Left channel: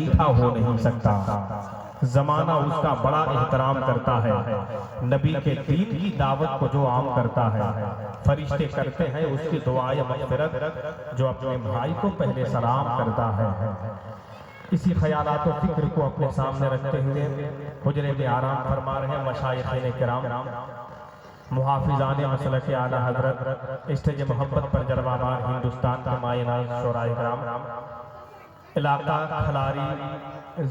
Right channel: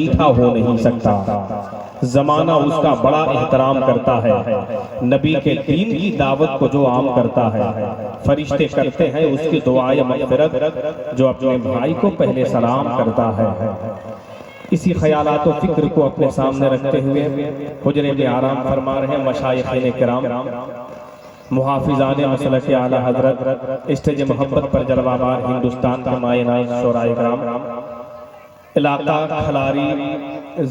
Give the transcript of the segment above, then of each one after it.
میٹھا ہو نہیں سکتا، زمانہ اس کا بڑا احترام کرتا ہے، نبی کے دین کی دعوت کو جو عام کرتا ہے، فرشتے کرتے ہیں اس کی دعائے مغفرت جو اپنے بھائی کو پہلے سلام کرتا ہے۔ اسی خیالات و فکر کو اپنے سامنے رکھتے ہوئے حجرے میں آرام فرما رہے مشائخین کرام، محافظان مسلک اعلی حضرت، اسٹیج محبت پر جلوہ بار ہندوستان کے مائے ناز شعراء کرام، علاقہ کھلاری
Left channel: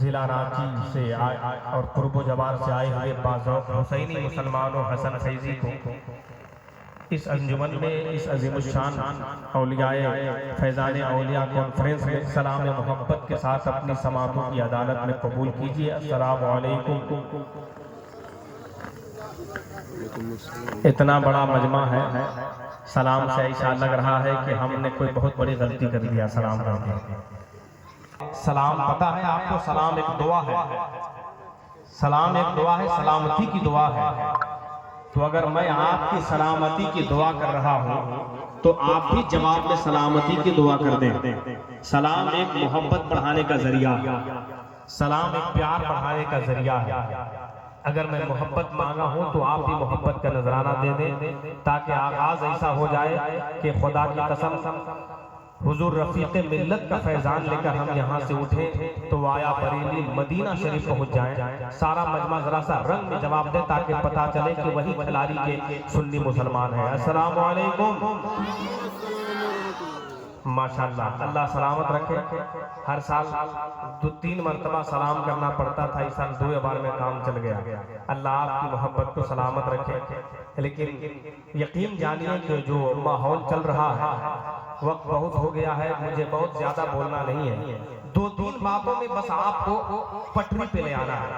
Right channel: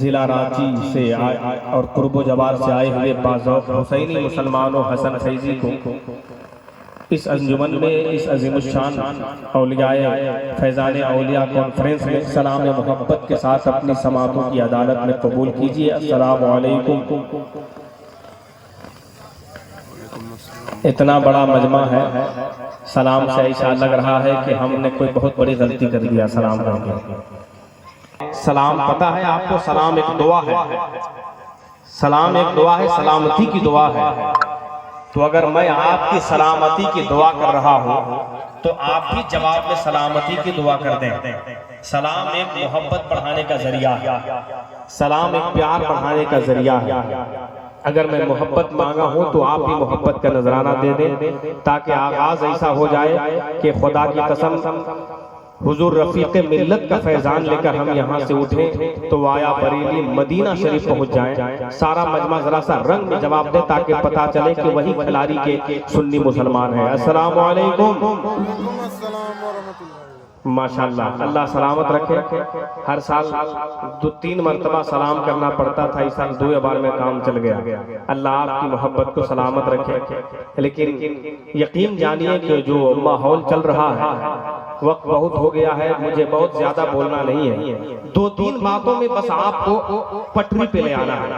ضلع رانچی سے اور قرب و جوار سے آئے ہوئے باذوق حسینی مسلمانوں حسن فیضی کو اس انجمن میں اس عظیم الشان اولیاء فیضان اولیاء کانفرنس میں سلام محبت کے ساتھ اپنی سماعتوں کی عدالت میں قبول کیجئے۔ السلام علیکم۔ اتنا بڑا مجمع ہے، سلام سے ایسا لگ رہا ہے کہ ہم نے کوئی بہت بڑی غلطی کر دیا سلام کر کے۔ سلام پتہ ہے آپ کو، سلام ایک دعا ہے، سلام ایک دعا ہے، سلامتی کی دعا ہے۔ تو اگر میں آپ کی سلامتی کی دعا کر رہا ہوں تو آپ بھی جواب میں سلامتی کی دعا کر دیں۔ سلام ایک محبت بڑھانے کا ذریعہ ہے، سلام ایک پیار بڑھانے کا ذریعہ ہے۔ اگر میں محبت مانگا ہوں تو آپ بھی محبت کا نذرانہ دے دیں، تاکہ آغاز ایسا ہو جائے کہ خدا کی قسم حضور رفیق ملت کا فیضان لے کر ہم یہاں سے اٹھیں تو آیا بریلی مدینہ شریف پہنچ جائیں۔ سارا مجمع ذرا سا رنگ میں جواب دے تاکہ پتا چلے کہ وہی کھلاری کے سنی مسلمان ہیں۔ السلام علیکم۔ ماشاءاللہ، اللہ سلامت رکھے۔ ہر سال 2-3 مرتبہ سلام کرنا پڑتا تھا، اس سال 2 بار میں کام چل گیا۔ اللہ آپ کی محبت کو سلامت رکھے۔ لیکن یقین جانیے کہ جو ماحول چل رہا ہے، وقت بہت ہو گیا ہے، مجھے بہت زیادہ بولنا نہیں ہے۔ 2-3 باتوں میں بس آپ کو پٹری پہ لے آنا ہے۔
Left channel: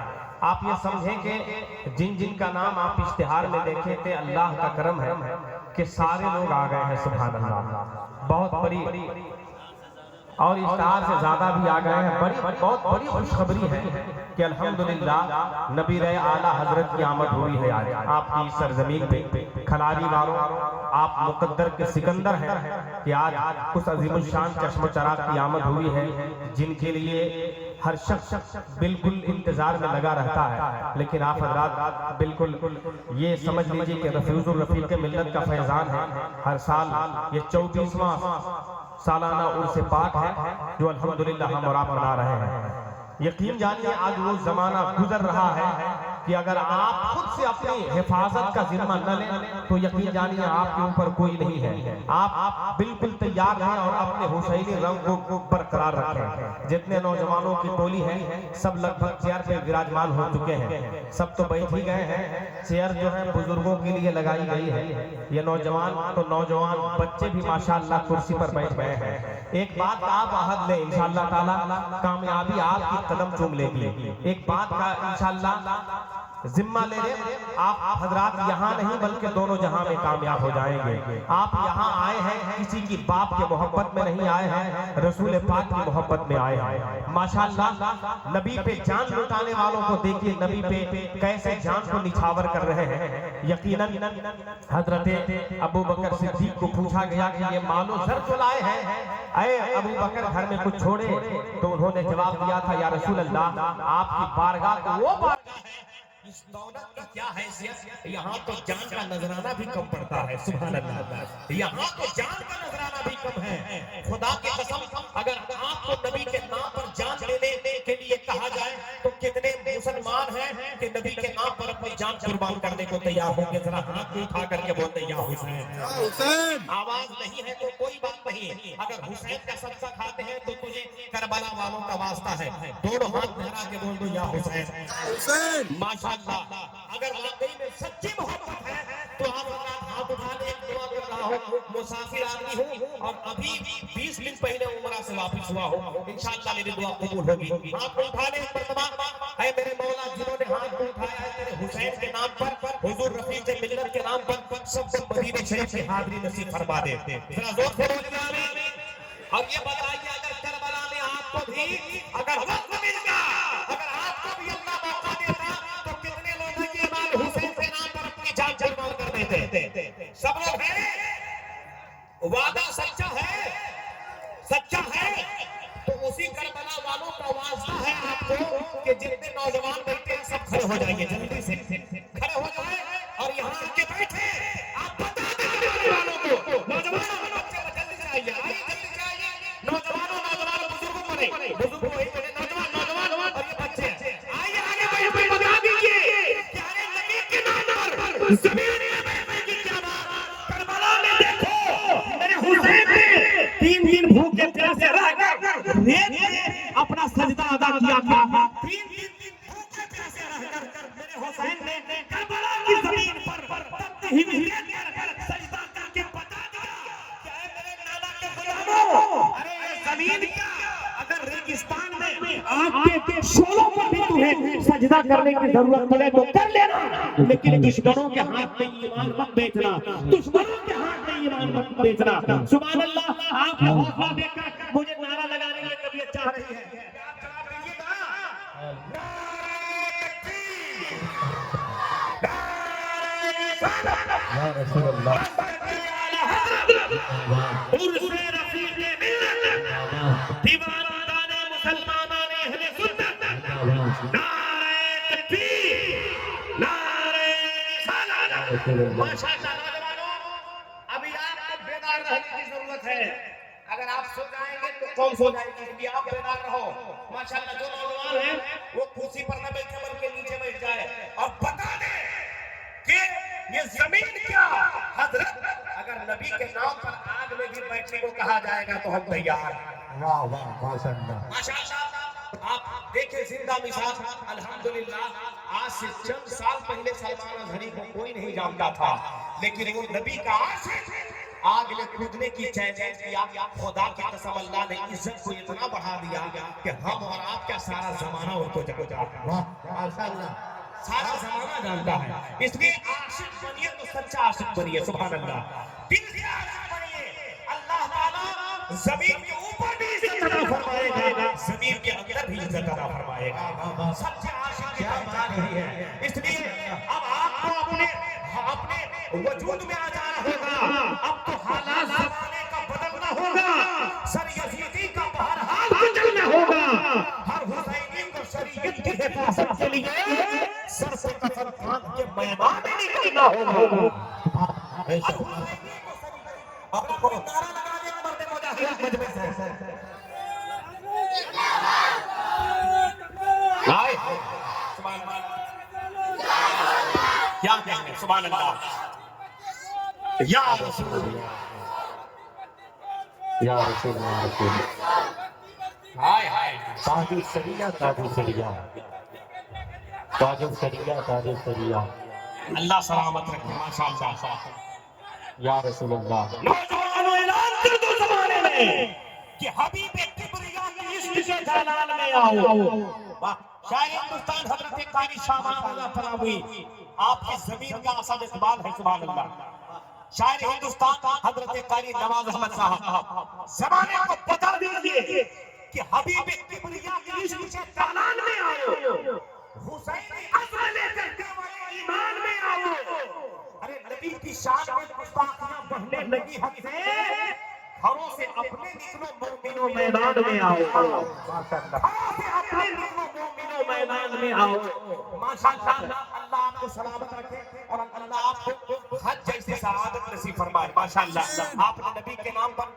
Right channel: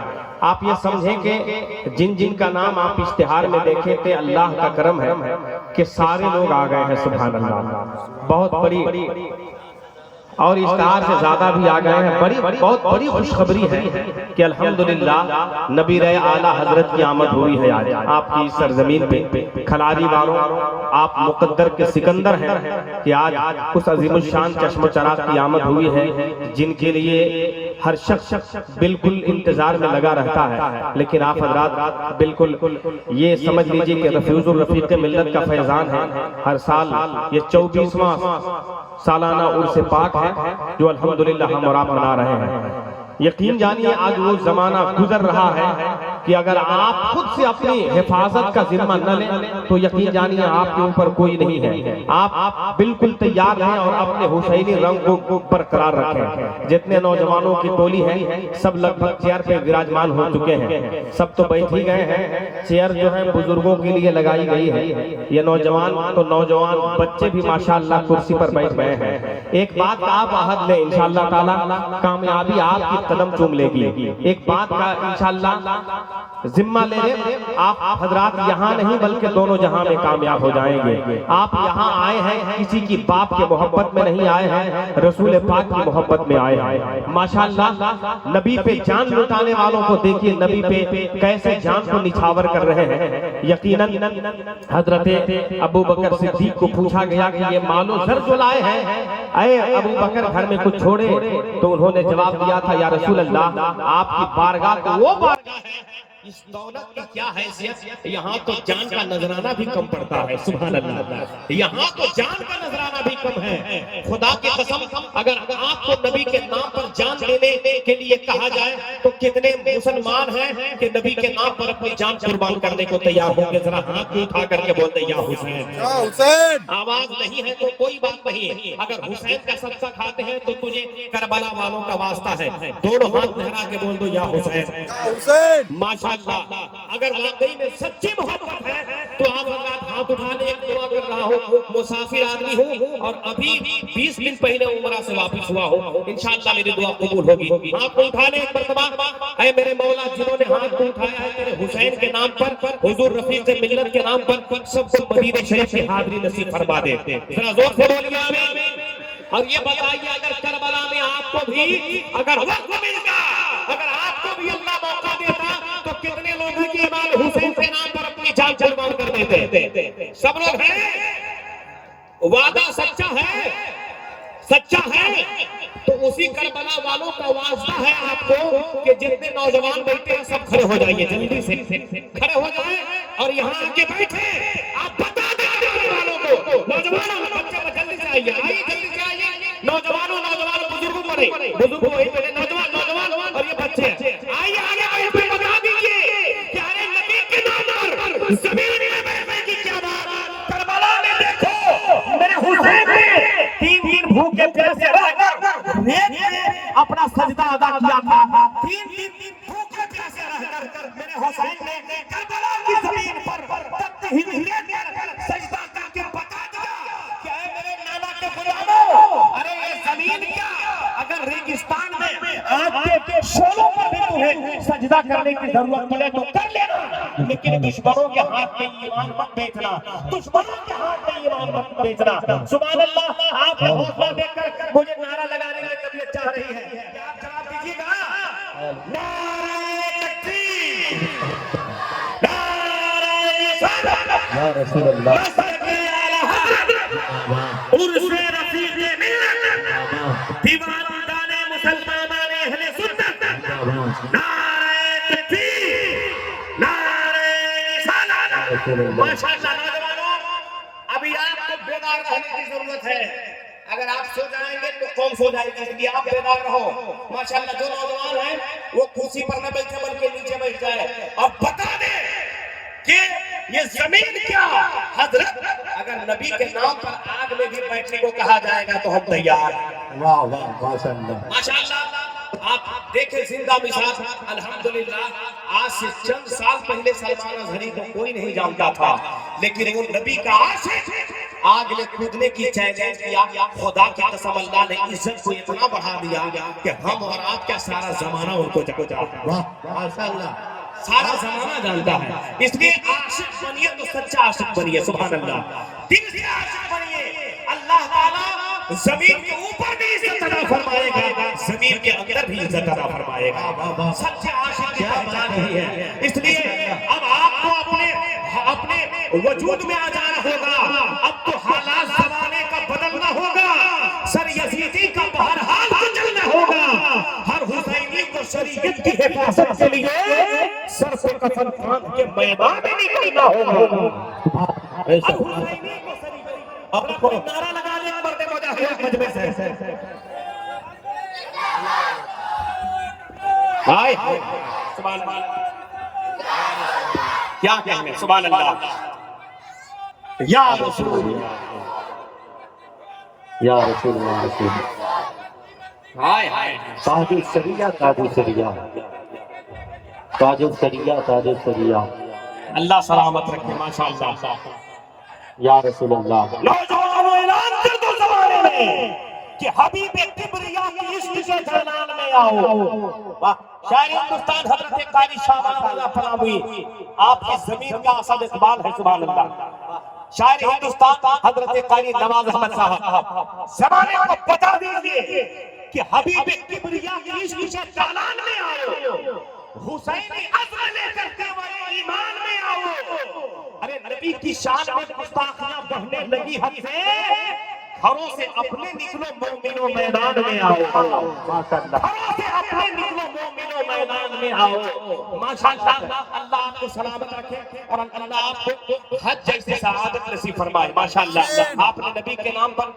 آپ یہ سمجھیں کہ جن جن کا نام آپ اشتہار میں دیکھیں تھے، اللہ کا کرم ہے کہ سارے لوگ آ گئے ہیں، سبحان اللہ۔ بہت بڑی اور اشتہار سے زیادہ بھی آ گئے ہیں۔ بہت بڑی خوشخبری ہے کہ الحمدللہ نبی اعلیٰ حضرت کی آمد ہوئی ہے آج آپ کی سرزمین پہ۔ کھلاری والوں، آپ مقدر کے سکندر ہیں کہ آج اس عظیم الشان چشم و چراغ کی آمد ہوئی ہے، جن کے لیے ہر شخص بالکل انتظار میں لگا رہتا ہے۔ لیکن آپ حضرات بالکل یہ سمجھ لیجئے کہ رفیع الرفیق ملت کا فیضان ہے۔ ہر سال یہ 24واں سالانہ عرس پاک ہے جو الحمدللہ ہم اور آپ منا رہے ہیں۔ یقین جانیے آج وہ زمانہ گزر رہا ہے کہ اگر آپ خود سے اپنی حفاظت کا ذمہ نہ لیں تو یقین جانیے آپ کے اوپر کوئی نہیں ہے۔ آپ بالکل تیار ہیں اور اپنے حسینی رنگ کو برقرار رکھیں۔ جتنے نوجوانوں کی ٹولی ہے سب لگ بھگ چیئر پہ وراجمان ہو چکے ہیں، سب تو بیٹھ ہی گئے ہیں۔ چیئر جو ہے بزرگوں کے لیے لگائی گئی ہے، یہ نوجوان تو نوجوان بچے بھی ماشاءاللہ کرسی پر بیٹھ گئے ہیں۔ ایک بات کا آپ عہد لیں، انشاءاللہ تعالی کامیابی آپ کی قدم چوم لے گی۔ ایک بات کا انشاءاللہ ذمہ لے لیں، آپ حضرات یہاں نہیں بلکہ دونوں جہاں میں کامیاب ہو جائیں گے۔ آپ یہاں آئے ہیں کسی کی باپ کے محبت میں نہیں آئے ہیں، رسول پاک کی محبت میں آئے ہیں۔ ماشاءاللہ نبی پہ جان لٹانے والوں کو دیکھیے، نبی پہ کیسے جان کو نچھاور کر رہے ہیں۔ یقیناً حضرت ابو بکر صدیق کو پوچھا گیا کہ یہ مال و زر جو لائے ہیں اے ابو بکر گھر میں کچھ چھوڑے؟ تو انہوں نے جواب دیا تھا یا رسول اللہ آپ کی بارگاہ تو وہ بارگاہ ہے، اس دولت کی کیا حیثیت، یہاں تو جان کا نذرانہ بھی کم پڑتا ہے۔ سبحان اللہ، یہاں تو جان کا نذرانہ بھی کم ہے۔ خدا کی قسم اگر آپ کو نبی کے نام پر جان دینے کے لیے کہا جائے تو کتنے مسلمان ہیں کہ نبی کے نام پر اپنی جان قربان کرنے کو تیار ہوں گے؟ ذرا ہاتھ اٹھا کر کے بولتے یا حسین۔ آواز نہیں ہے تو کوئی بات نہیں، اگر حسین کا صدقہ کھاتے ہیں تو تجھے کربلا والوں کا واسطہ ہے۔ دونوں ہاتھ لہرا کے بول دو یا حسین۔ ماشاءاللہ، اگر واقعی میں سچی محبت ہے تو آپ ہاتھ اٹھانے ایک دعا کر رہا ہوں، مسافر آدمی ہوں اور ابھی 20 دن پہلے عمرہ سے واپس ہوا ہوں، انشاءاللہ میری دعا قبول ہوگی۔ ہاتھ کو اٹھانے ایک مرتبہ، اے میرے مولا جنہوں نے ہاتھ کو اٹھایا ہے تیرے حسین کے نام پر، حضور رفیق ملت کے نام پر، سب کو مدینہ شریف کی حاضری نصیب فرما دے۔ ذرا زور سے بولیے آمین۔ اور یہ بتائیے اگر کربلا میں آپ کو بھی اگر وقت ملتا، اگر آپ کو بھی اللہ موقع دیتا تو کتنے لوگوں کی امام حسین کے نام پر اپنی جان قربان کر دیتے؟ سب لوگ ہیں؟ وعدہ سچا ہے، سچا ہے تو اسی کربلا والوں کا واسطہ ہے آپ کو کہ جتنے نوجوان بیٹھے ہیں سب کھڑے ہو جائیے، جلدی سے کھڑے ہو جائیں اور یہاں آ کے بیٹھے. آپ بتا دیں آنے والوں کو، نوجوانوں بچے جلدی سے آئیے، جلدی سے آئیے. نوجوانوں بزرگوں کو نہیں، بزرگوں وہی پہلے نوجوان اور یہ بچے آئیے آگے بتا دیجیے پیارے نبی کے نام پر زمین میں کی کیا بات. کربلا میں دیکھو میرے حسین نے تین دن بھوکے پیاسے رہ کر اپنا سجدہ ادا کیا تھا. تین دن بھوکے پیاسے رہ کر میرے حسین نے کربلا کی زمین پر تب ہی سجدہ کر کے بتا دیا کہ اے میرے نانا کے غلاموں، ارے یہ زمین کیا اگر ریگستان میں آپ کے شولوں پر بھی تمہیں سجدہ کرنے کی ضرورت پڑے تو کر لینا، لیکن دشمنوں کے ہاتھ میں ایمان مت بیچنا، دشمنوں کے ہاتھ میں ایمان مت بیچنا. سبحان اللہ. آپ نے حوصلہ دے کر مجھے نعرہ لگانے کی طبیعت چاہ رہی ہے کہ آپ جواب دیجیے گا. نعرہ تکبیر، نعرہ رسالت، یا رسول اللہ، عرش رفیق ملت، دیوانان مسلمانان اہل سنت، نعرہ تکبیر، نعرہ رسالت. ماشاءاللہ نوجوانوں، ابھی آپ کو بیدار رہنے کی ضرورت ہے. اگر آپ سو جائیں گے تو کون سو جائے گا، اس لیے آپ بیدار رہو. ماشاءاللہ جو نوجوان ہیں وہ کرسی پر نہ بیٹھے بلکہ نیچے بیٹھ جائے اور بتا دیں کہ یہ زمین کیا. حضرت اگر نبی کے نام پر آگ میں بھی بیٹھنے کو کہا جائے گا تو ہم تیار. واہ واہ ماشاءاللہ. ماشاءاللہ آپ دیکھیں زندہ مثال. الحمدللہ آج سے چند سال پہلے سلمان اظہری کو کوئی نہیں جانتا تھا، لیکن وہ نبی کا عاشق آگ میں کودنے کی چیلنج کیا. خدا کی قسم اللہ نے عزت کو اتنا بڑھا دیا کہ ہم اور آپ کا سارا زمانہ ان کو جانتا ہے. واہ ماشاءاللہ. سارا زمانہ جانتا ہے. اس لیے عاشق بنیے تو سچا عاشق بنیے. سبحان اللہ. دل سے عاشق بنیے. اللہ تعالیٰ زمین کے اوپر بھی عزت عطا فرمائے گا، زمین کے اندر بھی عزت عطا فرمائے گا. سچے عاشق کی پہچان یہی ہے. اس لیے اب آپ کو اپنے وجود میں آ جانا ہوگا. اب تو حالات زمانے کا بدلنا ہوگا. سر یزیدی کا بہرحال بدلنا ہوگا. ہر حسینی کو شریعت کی حفاظت کے لیے سر سے کفن باندھ کے میدان میں نکلنا ہوگا. ہر حسینی کو شریعت اور اپنا نعرہ لگا لیں مرد مجاہد مجمع سے. ہائے سبحان اللہ. کیا کہنے سبحان اللہ. یا رسول اللہ، یا رسول اللہ. رسول ہائے ہائے. تاج السریہ، تاج السریہ، تاج السریہ، تاج السریہ. اللہ سلامت رکھے. ماشاءاللہ. یا رسول اللہ. نوجوانوں اعلان کر دو زمانے میں کہ حبیب کبریا کے عشق کے جلال میں آؤ. شاعر ہندوستان حضرت قاری شاہ اللہ فلاوی آپ کی زمین کا اسد اقبال ہے. سبحان اللہ. شاعر ہندوستان حضرت قاری نواز احمد صاحب زمانے کو بتا دیجئے کہ حبیب کبریا کے عشق کے جلال میں آؤ. حسینی عزم لے کر کعبہ ایمان میں آؤ. ارے نبی کی شان میں گستاخیاں بہنے لگی حد سے، گھروں سے اپنے نکلو مومنوں میدان میں آؤ. گھروں سے اپنے نکلو مومنوں میدان میں آؤ. ماشاءاللہ. اللہ آپ کو سلامت رکھے اور اللہ آپ کو حج جیسے سعادت نصیب فرمائے. ماشاءاللہ. آپ نے نبی کے نام پر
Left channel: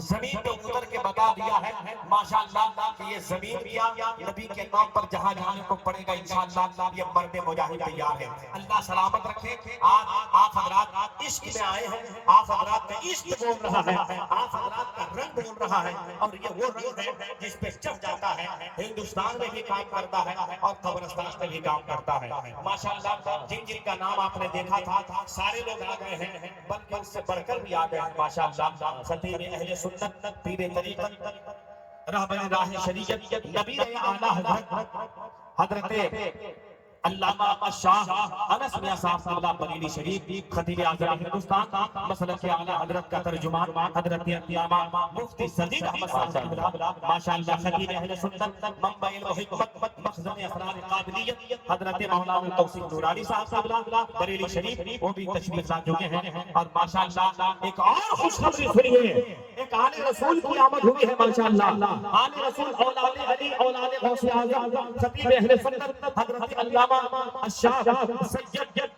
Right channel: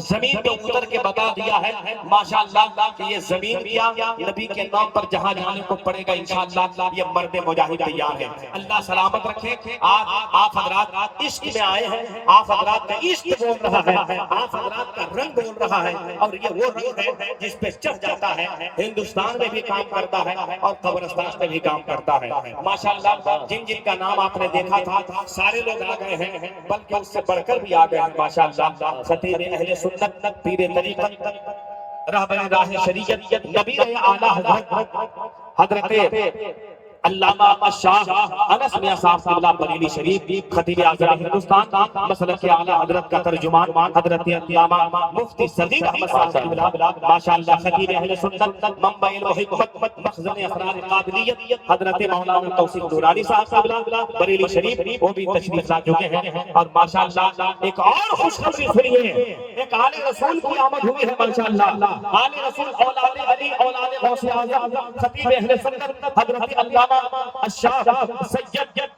زمین پہ اتر کے بتا دیا ہے ماشاءاللہ کہ یہ زمین کیا نبی کے نام پر جہاں جانے کو پڑے گا انشاءاللہ. یہ مرد مجاہد تیار ہے. اللہ سلامت رکھے. آپ حضرات عشق میں آئے ہیں. آپ حضرات کا عشق بول رہا ہے. آپ حضرات کا رنگ بول رہا ہے اور یہ وہ رنگ ہے جس پہ چڑھ جاتا ہے. ہندوستان میں بھی کام کرتا ہے اور قبرستان میں بھی کام کرتا ہے. ماشاءاللہ. جن جن کا نام آپ نے دیکھا تھا سارے لوگ آ گئے ہیں، بلکہ اس سے بڑھ کر بھی آ گئے ہیں. ماشاءاللہ. خطیب اہل سنت، پیر طریقت، رہبر راہ شریعت، نبی اعلیٰ حضرت علامہ شاہ انس میاں صاحب قبلہ بریلی شریف خطیب اعظم ہندوستان مسلک اعلیٰ حضرت کا ترجمان حضرت علامہ مفتی صدیق احمد صاحب قبلہ ماشاءاللہ خطیب اہل سنت منبع الحکمت مخزن اسرار قادریت حضرت مولانا توصیف نورانی صاحب قبلہ بریلی شریف وہ بھی تشریف لا چکے ہیں. اور ماشاءاللہ ایک اور خوشخبری سنیے, ایک آل رسول کی آمد ہوئی ہے ماشاءاللہ. آل رسول اولاد علی اولاد غوث اعظم خطیب اہل سنت حضرت علامہ الشاہ سید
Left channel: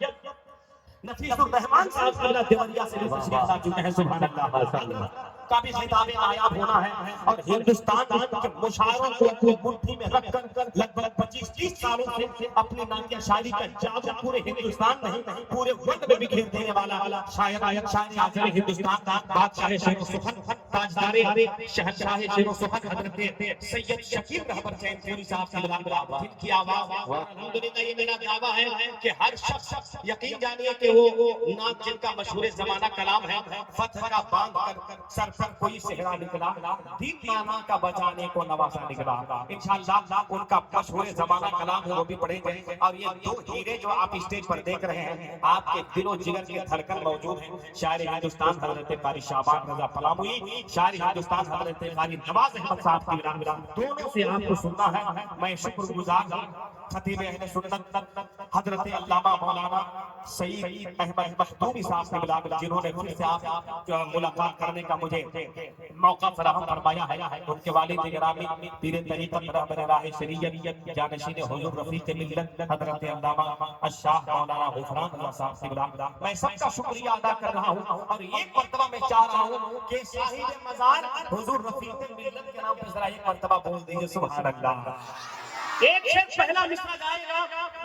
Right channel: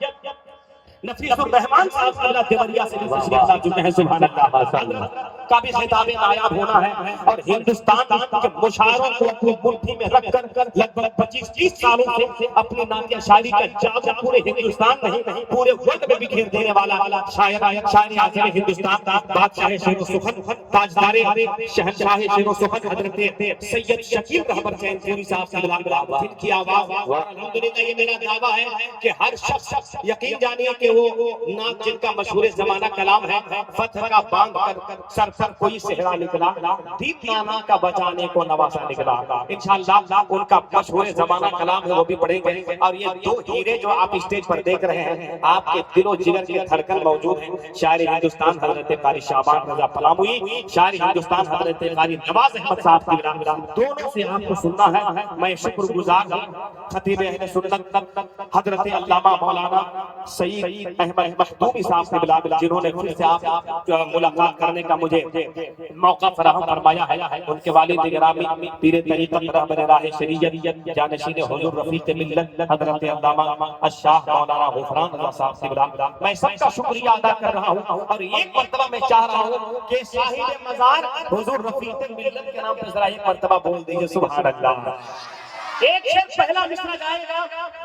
نفیس الرحمان صاحب قبلہ دیوریا سے تشریف لا چکے ہیں. سبحان اللہ کا بھی خطاب نایاب ہونا ہے اور ہندوستان کے مشاعروں کو اپنی مٹھی میں رکھ کر لگ بھگ 25-30 سالوں سے اپنی نعتیہ شاعری کا جادو پورے ہندوستان نہیں پورے ورلڈ میں بکھیر دینے والا شاعر اعظم ہندوستان بادشاہ شعر و سخن تاجدار شہنشاہ شعر و سخن حضرت سید شکیل رہبر چین پوری صاحب قبلہ جن کی آواز الحمدللہ یہ میرا دعویٰ ہے کہ ہر شخص یقین جانیے کہ وہ نعت جن کا مشہور زمانہ کلام ہے فتح کا باندھ کر سر پر کوئی صحرا نکلا دیپ نانا کا بچانے کو نواسا نکلا. انشاءاللہ ان کا مشہور زمانہ کلام ہے وہ بھی پڑھیں گے. اور یہ دو ہیرے جو آپ اسٹیج پر دیکھ رہے ہیں آپ کے دل و جگر کے دھڑکن موجود ہیں. شاعر ہندوستان حضرت قاری شعبان رضا پلاموی, شاعر ہندوستان حضرت قاری نواز احمد صاحب کی دونوں سے آپ کو سننا ہے. میں شکر گزار ہوں خطیب اہل سنت حضرت علامہ مولانا سعید احمد مخدومی صاحب سے بلا جنہوں نے خود سے آپ ملاقات کرنے کا مجھے موقع فراہم فرمایا ہے. ان کے والد گرامی پیر طریقت رہبر راہ شریعت جانشین حضور رفیق ملت حضرت علامہ الشاہ مولانا غفران رضا صاحب سے بلا میں سب کا شکریہ ادا کر رہا ہوں. اور ایک مرتبہ میں چاہ رہا ہوں کہ صاحب مزار حضور رفیق ملت کے نام پر ذرا ایک مرتبہ بول دیجئے سبحان اللہ. ایک شخص پہلا مصرع گائے گا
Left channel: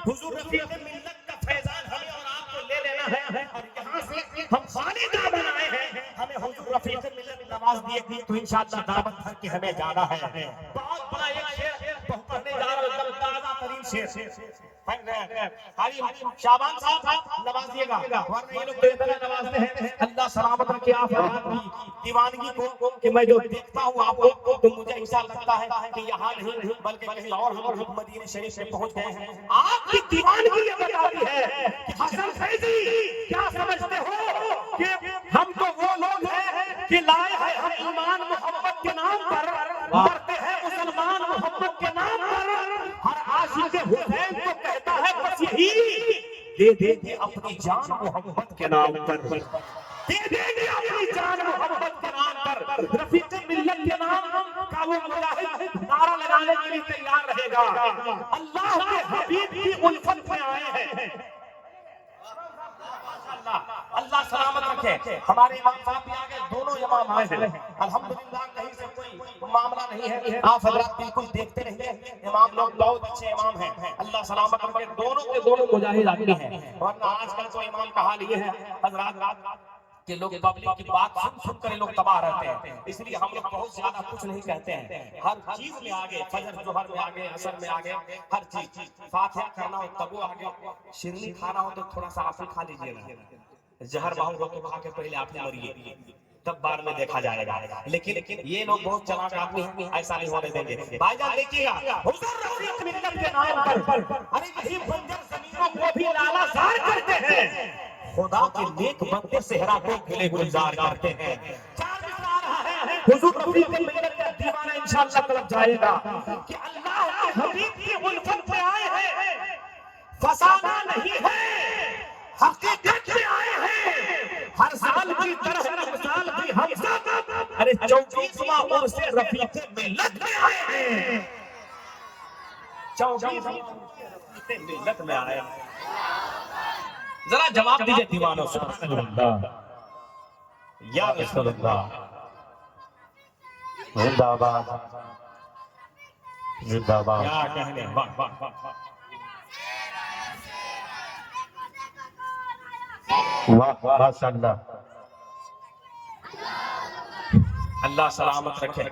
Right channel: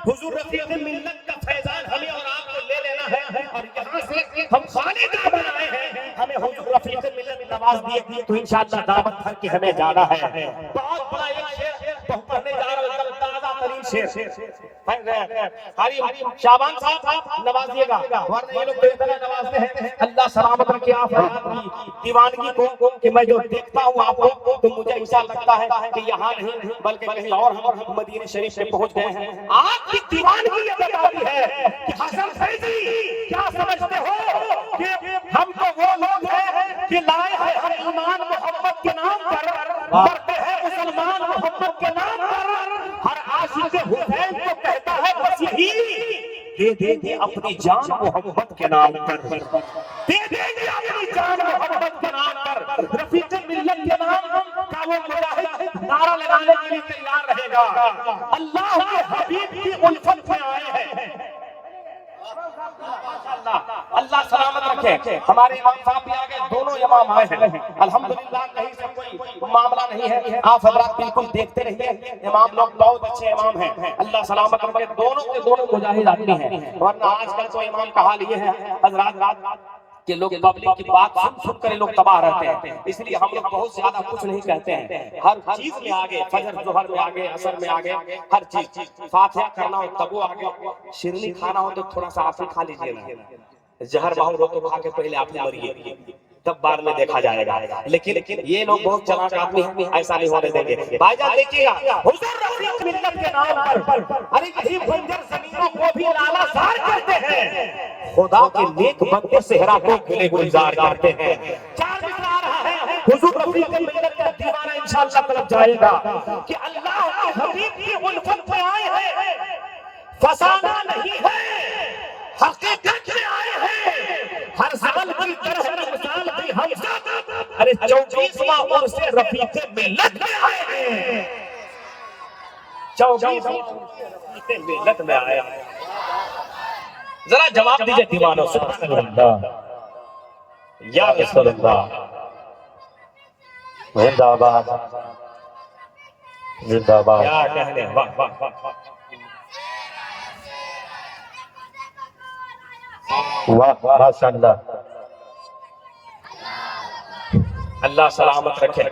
حضور رفیق ملت کا فیضان ہمیں اور آپ کو لے لینا ہے اور یہاں سے ہم خالد بنائے ہیں ہمیں حضور رفیق ملت نواز دیے تو انشاءاللہ دعوت بھر کے ہمیں جانا ہے. بہت بڑا ایک شعر پڑھنے جا رہا ہوں تازہ ترین شعر شعبان صاحب نوازیے گا ورنہ یہ لوگ بے طرح نوازتے ہیں. اللہ سلامت رکھے آپ کی دیوانگی کو کہ میں جو دیکھتا ہوں آپ کو تو مجھے ایسا لگتا ہے کہ یہاں نہیں بلکہ کہیں اور ہم مدینہ شریف سے پہنچ گئے ہیں. آپ کی دیوانگی یہ بتاتی ہے کہ حسن فیضی کیا سمجھتے ہو کہ ہم تو وہ لوگ ہیں کہ لائے ہیں ہم ایمان محمد کے نام پر کرتے ہیں مسلمان محمد کے نام پر. ہر عاشق حسین کو کہتا ہے بس یہی دے دے اپنی جان محمد کے نام پر, دے دے اپنی جان محمد کے نام پر. رفیق ملت کے نام کا وہ مجاہد نعرہ لگانے کے لیے تیار رہے گا. اللہ کے حبیب کی الفت میں آئے ہیں. اللہ سلامت رکھے. ہمارے امام صاحب بھی آگے دونوں امام آئے ہیں الحمدللہ. کہیں سے کوئی معاملہ نہیں ہے, آپ حضرات بالکل دیکھتے رہیے. امام لوگ بہت اچھے امام ہیں. اللہ سلامت رکھے. دونوں کے دونوں مجاہد آدمی ہیں. ورنہ آج کل تو امام کا حال یہ ہے حضرات کہ لوگ پبلک کی بات سن کر لوگ تباہ رہتے ہیں. اس لیے ہم لوگ بہت زیادہ کچھ نہیں کہتے ہیں. ہر چیز میں آگے, فجر ظہر میں آگے, عصر میں آگے, ہر چیز. فاتحہ کرنا ہو تب وہ آگے, شیرنی کھانا ہو تو تھوڑا سا آپ ہی کھا لیجیے نا. زہر ماحول ہو تو کھا کے پہلے آپ نے مریے تب بعد میں دیکھا جائے گا. لیکن یہ لوگ بہت چلاک آدمی ہیں, ایسا نہیں ہونے دیں گے. بھائی جان دیکھیے گا حضور رفیق ملت کے نام پر ارے کہیں بنجر زمینوں کو بھی لالا زار کرتے ہیں. خدا کے نیک بندے صحرا کو گلے گلزار کرتے ہیں. چار مصرع آ رہا ہے حضور رفیق ملت کا دیوانہ انشاءاللہ طلب جائے گا کہ اللہ کے حبیب کی الفت میں آئے ہیں, فسانہ نہیں ہے, حقیقت میں آئے ہیں. ہر سال کی طرح رمضان بھی ہم سب ارے 24واں عرس رفیق ملت میں آئے ہیں. 24واں رفیق ملت میں آئے ہیں. ذرا جواب دیجئے دیوانوں. سبحان اللہ یا رسول اللہ. زندہ باد زندہ باد. کیا کہنے, واہ واہ واہ واہ ماشاءاللہ. اللہ سلامت رکھے.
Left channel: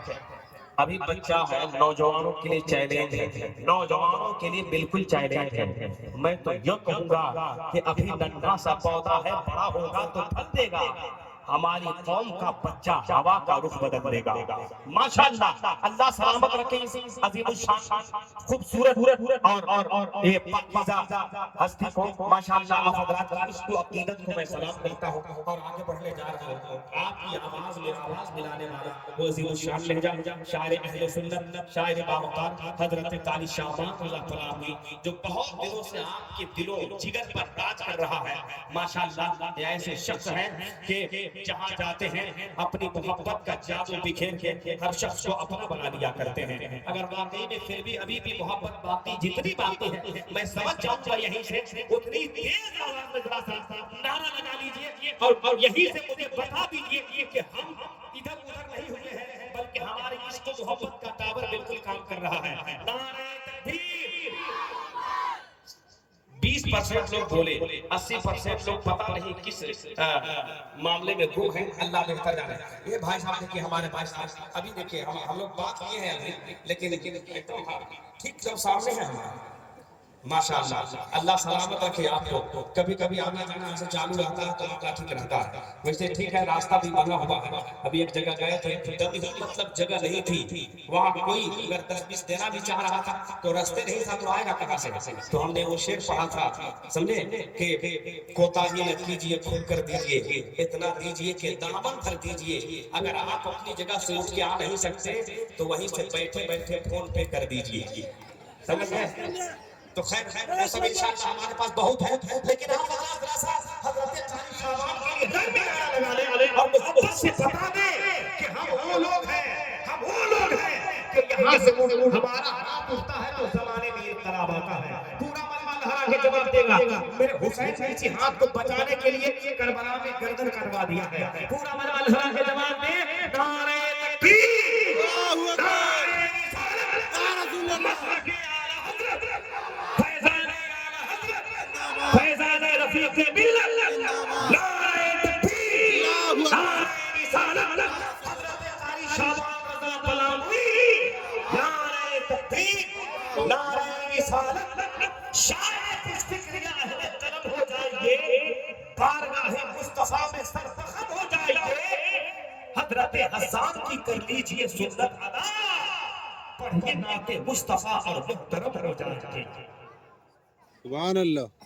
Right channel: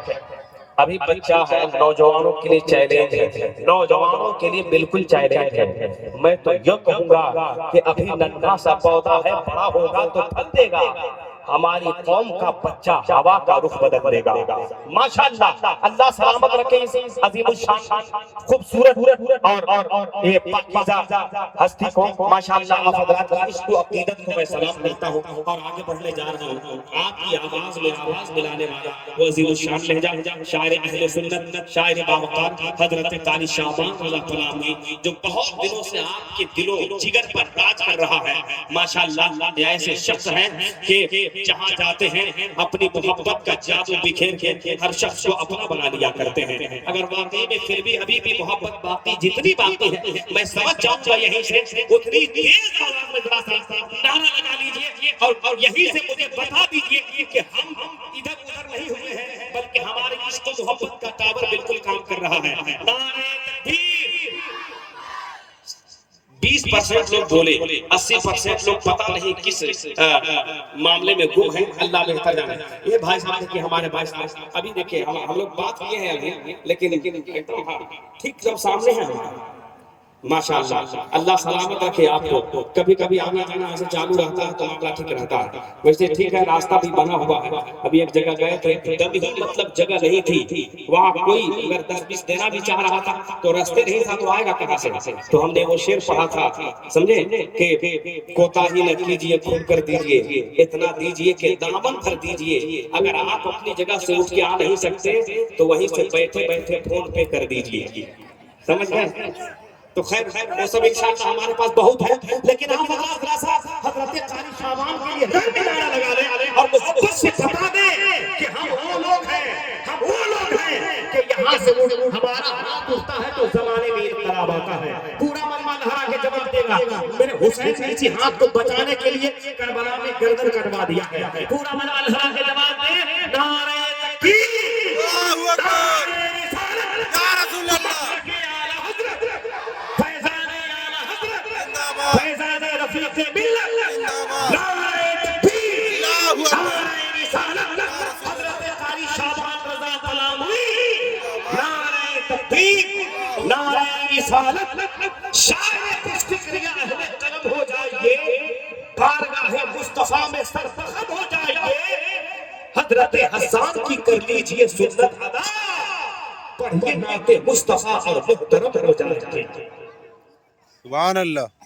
ابھی بچہ ہے, نوجوانوں کے لیے چیلنج ہے, نوجوانوں کے لیے بالکل چیلنج ہے. میں تو یہ کہوں گا کہ ابھی ننھا سا پودا ہے, بڑا ہوگا تو پھل دے گا. ہماری قوم کا بچہ ہوا کا رخ بدل دے گا ماشاءاللہ اللہ سلامت رکھے اس عظیم الشان خوبصورت اور یہ پاکیزہ ہستی کو ماشاءاللہ آپ حضرات کی عشق و عقیدت کو میں سلام کرتا ہوں اور آگے بڑھنے جا رہا ہوں آپ کی آواز میں آواز ملانے والا وہ عظیم الشان لہجہ شاعر اہل سنت شاعر باوقار حضرت قاری شعبان اللہ کلامی جو بہت دنوں سے آپ کے دلوں جگر پر راج کر رہا ہے ماشاءاللہ یہ ایسے شخص ہیں کہ جہاں جاتے ہیں اپنی محبت کا جادو بکھیر کے ہر شخص کو اپنا بنا لیا کرتے ہیں اگر واقعی میں پھر بھی ابھی بھی محبت باقی جتنی باقی ہے میں سمجھ جاؤں گا یہیں سے اتنی تیز آواز میں ذرا سا نعرہ لگا لیجئے اور یہیں سے مجھے بتا دیجئے کہ ہم ادھر ادھر نہیں ہوئے ہیں بلکہ ہماری عشق و محبت کا ٹاور بالکل کام کر رہا ہے نعرہ تکبیر 20% لوگ بولے 80% لوگ پتہ نہیں کس معاملے میں گم ہیں اللہ بہتر جانے یہ بھائی صاحب دیکھیں ہمارے بھائی صاحب ابھی دیکھیں ہم لوگ بات کیے ہیں ابھی لیکن ٹھیک جب سامنے ہیں ماشاءاللہ اللہ سلامت رکھے آپ کو کبھی کبھی آنا جانا ایسے چالو رہتا ہے تو معاملہ ٹھیک رہتا ہے ویسے ٹھیک ہے راستہ بھی بنا ہوا ہے ابھی ایک جگہ گئے تھے دبی مطلب جگہ نہیں تھی وہاں کوئی اگر 10-20 دینا بھی چاہ رہا تھا تو راستے نہیں تھا تو آئے گا کہاں سے تو ہم نے وہ شعر پڑھا تھا سمجھے کہ کوتاہی نہ کیجیے کھول کر دیجیے اتنا دیجیے کہ دامن بھر دیجیے اگر آپ اپنی جگہ سے اٹھ کے آ نہیں سکتے تو وہیں سے بیٹھے بیٹھے فون پے کر دیجیے سمجھ گئے تو خیر وہ سب انشاءاللہ ہمارے پاس بہت ہے لیکن آپ حضرت قاری شعبان کے لیے رنگ نعرہ لگا لیں اور محبت سے بتا دیں کہ ہم وہ لوگ ہیں کہ یہاں سے ہمارا ہاتھ اٹھتا ہے تو زمانے میں انقلاب آتا ہے پورا مجمع لہرا کے جواب دے گا میرے حسین سے اسی ہاتھ کو بچانے کے لیے کربلا میں گردن کٹوا دیا گیا پورا مجمع لہرا کے جواب دے نعرہ تکبیر اللہ اکبر یا رسول اللہ حضرت حسان کی کر لیجئے سنت ادا پڑھیے نعت مصطفیٰ اور محترم ہو جائے سبحان اللہ